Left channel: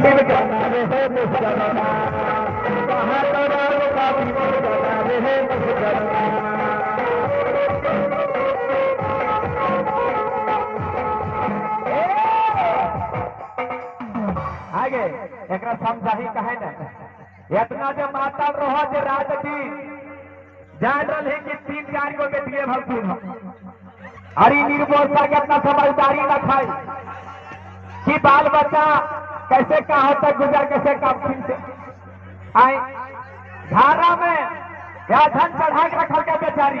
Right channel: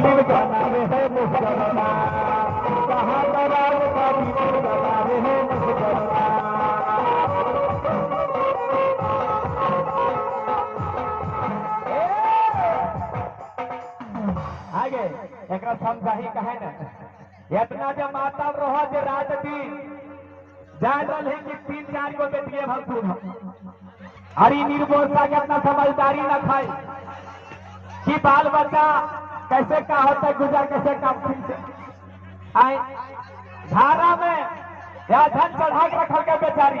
दिल जाना रे मुसलमा कहाँ तरार का दिल जाना रे मुसलमा। आगे एक समझाही कहे न इतना जो माता रहो जो राज जी जान रहे कि 3-4 को के दिए भरपूर हरी निर्मोलता के अपना समझदारी न खाए कि बाल बच्चा कैसे का होता गुजर कैसे का से आए धारा में या धन चढ़ा के रखल के बेचारी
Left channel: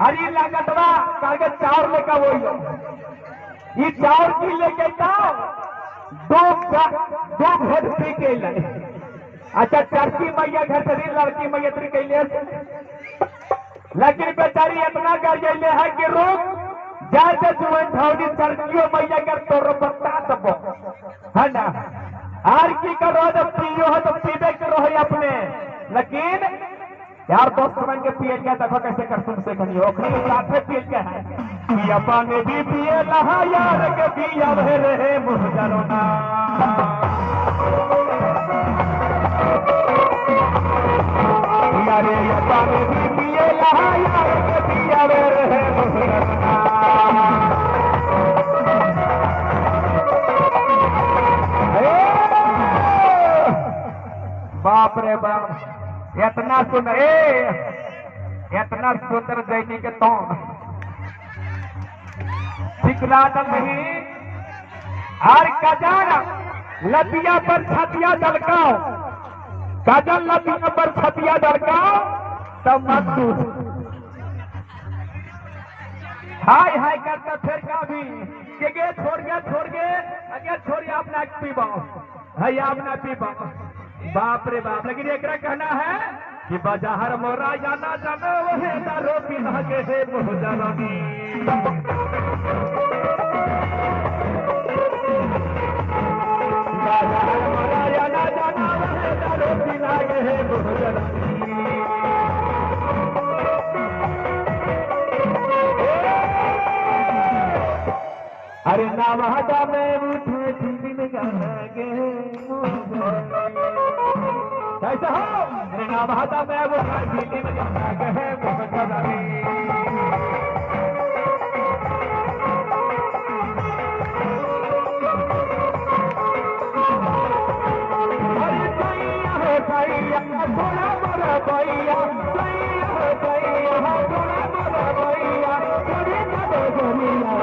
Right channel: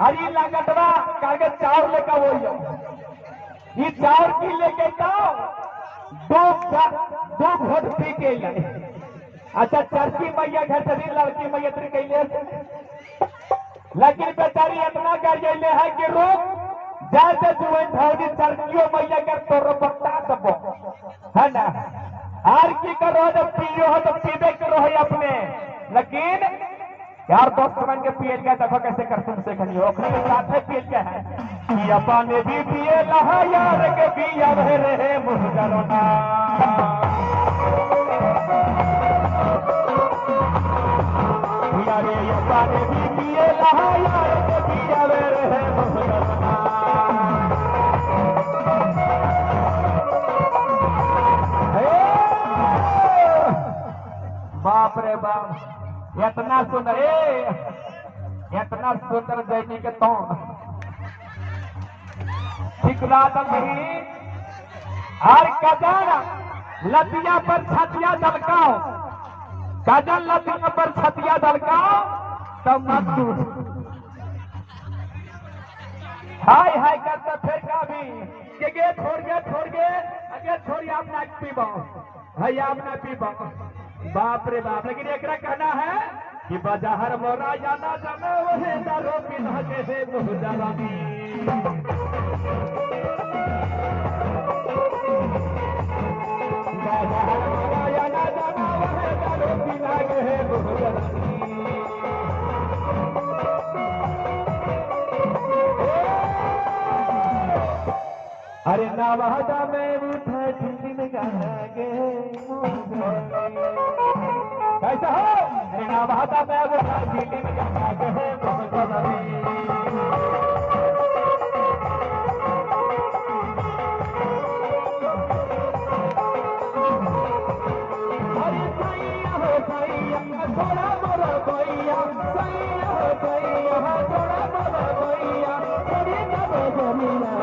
हरी लागतवा कागज चाउर लेकर वो ये चाउर की लेके जाओ दो घोट पी के लाए। अच्छा चरकी मैया घर से लड़की मैया त्री कैले लेकिन बेचारी इतना कर गए है कि रोक जाते जुएन ढौरी चरकियों मैया कर तोड़ बता दबो है ना आर की करो जब पियो हो तो पीबे करो है अपने लेकिन यार दोस्त बन के पिए क्या देखो कैसे कर तुमसे कहीं ओखरी के साथ में पिए क्या है कि अपने भी पिए लहा यार के पिया रहे मुहजरोना यारे अपने भी पिए लहा यार के पिया रहे मुहजरोना। बाप रे बाप इतना सुंदर इतना सुंदर दैनी के तो ठिकरात नहीं हर कजर लतिया पर छतिया दलकाओ कजल लतिया पर छतिया दलकाओ तब मत हाय हाय करता फिर का भी छोड़ गए अगे छोड़िए अपना पीबा है अपना पीबा बाप रे बाप लेकिन एक कहना है कि बाजार मोरा जाना जानो वही दारो पी लगे है मुहजरानी बाजार मोरा जाना जाना वही दारो पी लगे है मुहजरानी। अरे नवादा में उठे दिल गए कैसा हो नवादा में उठे दिल गए मुहजरानी। अरे सैया हो सैया थोड़ा मोरा भैया सैया हो सैया थोड़ा मोरा भैया थोड़ी दे गोरिया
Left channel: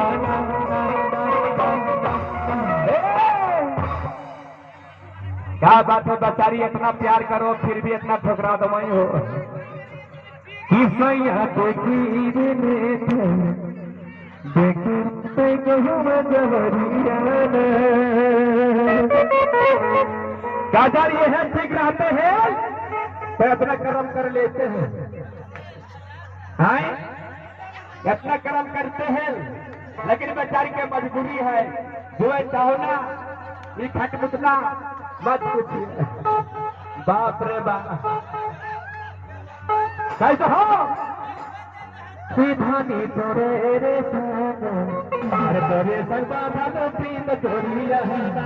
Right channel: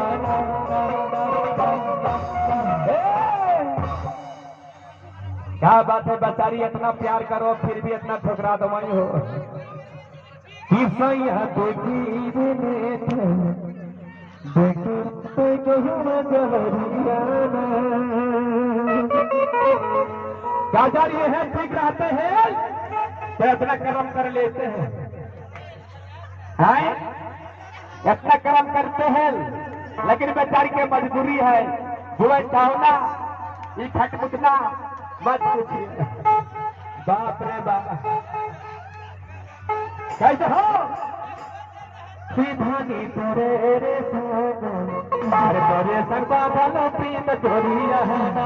क्या बात है बेचारी इतना प्यार करो फिर भी इतना ठुकरा दो वही हो काजर ये है ठीक रहते हैं तो अपना कर्म कर लेते हैं इतना कर्म करते हैं लेकिन बेचारी की मजबूरी है जुआ चाहना ये खटमुटना मत पूछिए बाप रे बाप कैसे हो सीधानी तोरे रे सोने तोरे सर्वा भलो प्रीत तोरी रहना